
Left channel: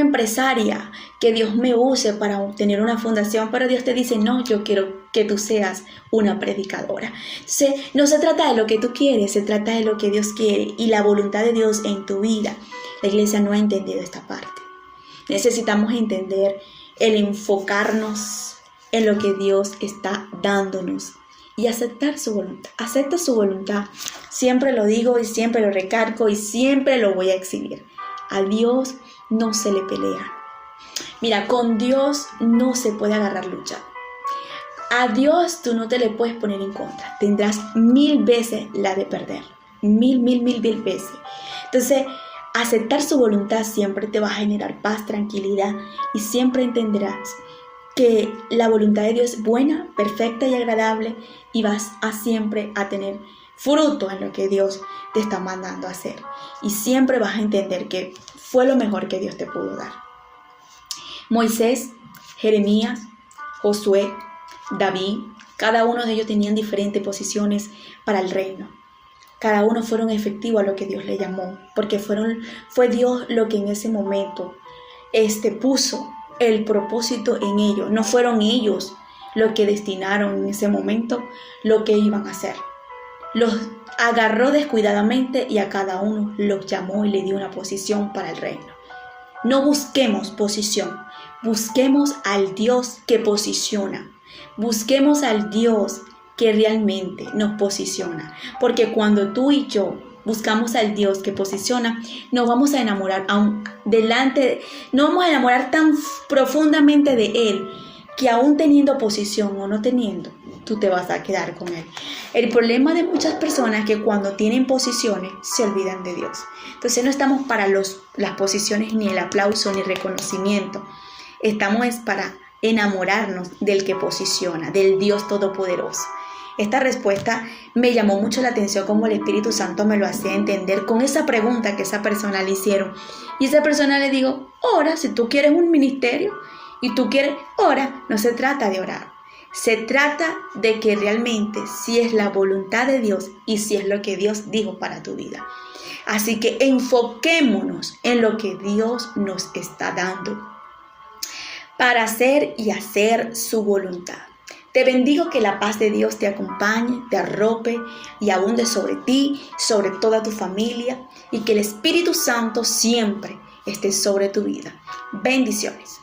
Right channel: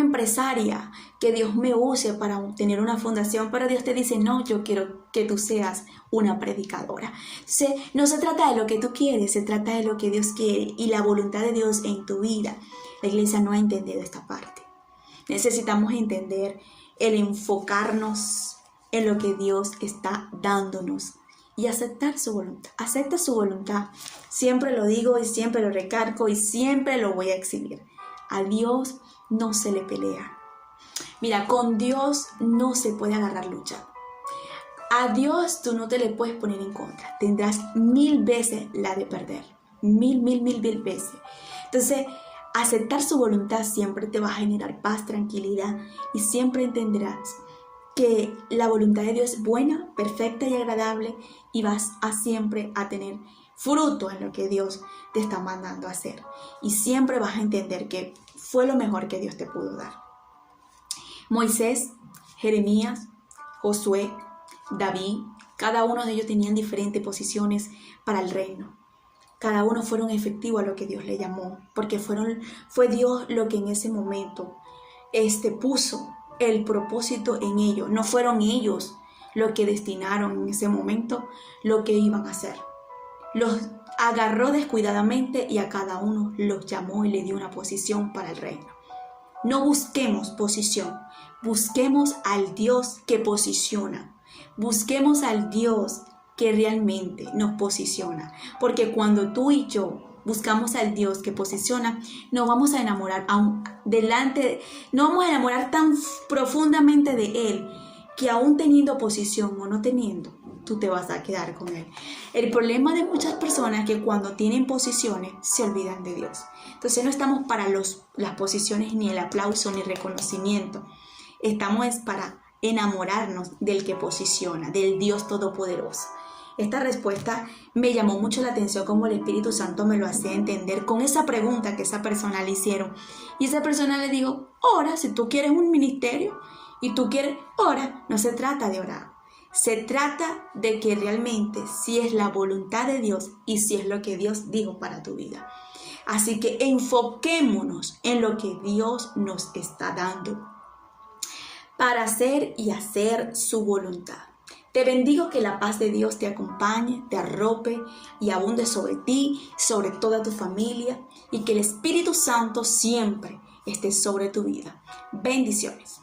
empresaria, que Dios me use para tener una fundación, pero Dios te dice: no, yo quiero que tú seas una predicadora. Entonces, no se trata de lo que tú quieres, se trata de lo que Dios quiere y la voluntad de Dios en tu vida. La iglesia no ha entendido esta parte. Necesitamos entender el enfocarnos en lo que Dios está dándonos y aceptar su voluntad. Acepta su voluntad. Siempre lo digo y siempre lo recargo y siempre lo voy a exhibir. A Dios no se le pelea. Mira, con Dios no se puede agarrar lucha. A Dios tú no te le puedes poner en contra. Tendrás 1000 veces la de perder. Mil veces. Entonces, aceptar su voluntad siempre te va a generar paz, tranquilidad y siempre entenderás que la voluntad de Dios es buena, perfecta y agradable y vas a siempre a tener fruto en lo que Dios te está mandando a hacer. Y siempre vas a entender que fue lo mejor que Dios te pudo dar. Moisés, Jeremías, Josué, David, cada uno de ellos tenían diferentes posiciones para el reino. Cada uno fueron efectivos a lo que Dios le llamó, porque fue Dios lo que en ese momento puso el propósito en ellos. No fueron ellos los que destinaron en ese momento lo que iban a hacer. Los agarró descuidadamente y a cada uno los llamó y le dio una posición para el reino. No busquemos posición, busquemos al Dios que posiciona. Busquemos al Dios que realmente nos posiciona, porque cuando tú y yo buscamos al Dios que posiciona, nos vamos a enamorar no vamos a enamorar tan profundamente de Él, que aún teniendo posición o no teniendo, tú te vas a quedar con Él. El problema de muchas personas es que cuando tienen posiciones, se olvidan de Dios. Entonces no estamos para las posiciones, ni el aplauso, ni el reconocimiento. Estamos para enamorarnos del que posiciona, del Dios Todopoderoso. Esta respuesta me llamó mucho la atención, como el Espíritu Santo me lo hacía entender con esa pregunta que esa persona le hicieron. Y esa persona le dijo: ora, si tú quieres un ministerio y tú quieres, ora. No se trata de orar. Se trata de que realmente si es la voluntad de Dios y si es lo que Dios dijo para tu vida. Así que enfoquémonos en lo que Dios nos está dando para hacer y hacer su voluntad. Te bendigo, que la paz de Dios te acompañe, te arrope y abunde sobre ti, sobre toda tu familia, y que el Espíritu Santo siempre esté sobre tu vida. Bendiciones.